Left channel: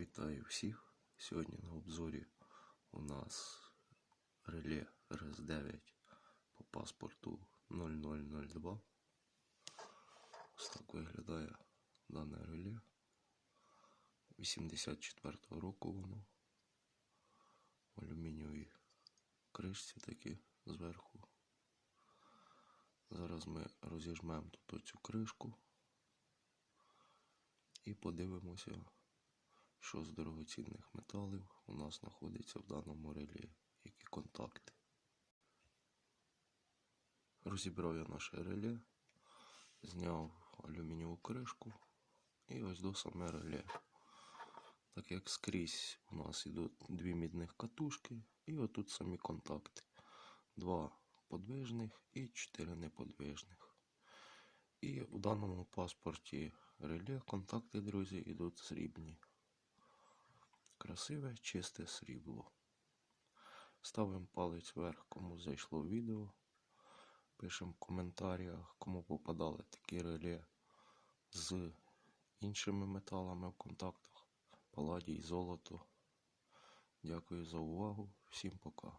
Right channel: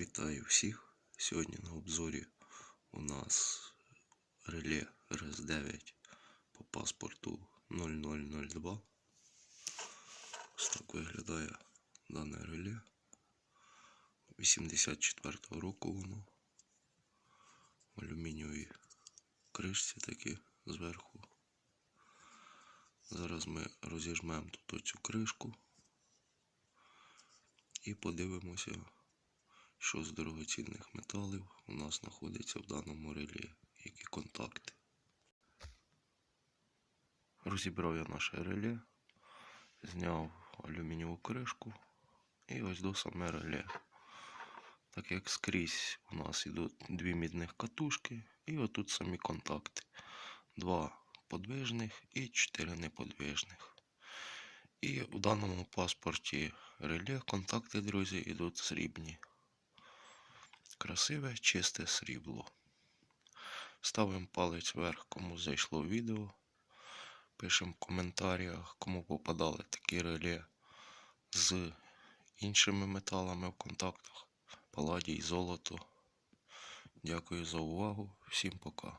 Вітаю всіх! Сьогодні на обзорі у нас реле РС9 по паспорту 0002. Ось так виглядає дане реле. 84-го року воно. В алюмінієвій кришці такі зверху. Зараз ми розіжмемо тут оцю кришку і подивимося, що з дорогоцінних металів у нас знаходиться в даному реле, які контакти. Розібрав я наше реле, зняв алюмінієву кришку і ось до саме реле. Так як скрізь у нас йдуть дві мідних катушки і отут самі контакти. Два подвижних і чотири неподвижних. І у даному паспорті реле контакти, друзі, йдуть срібні. Красиве, чисте срібло. Ставимо палець вверх, кому зайшло відео. Пишемо в коментарях, кому попадали такі реле з іншими металами в контактах. Паладій, золото. Дякую за увагу. Всім пока.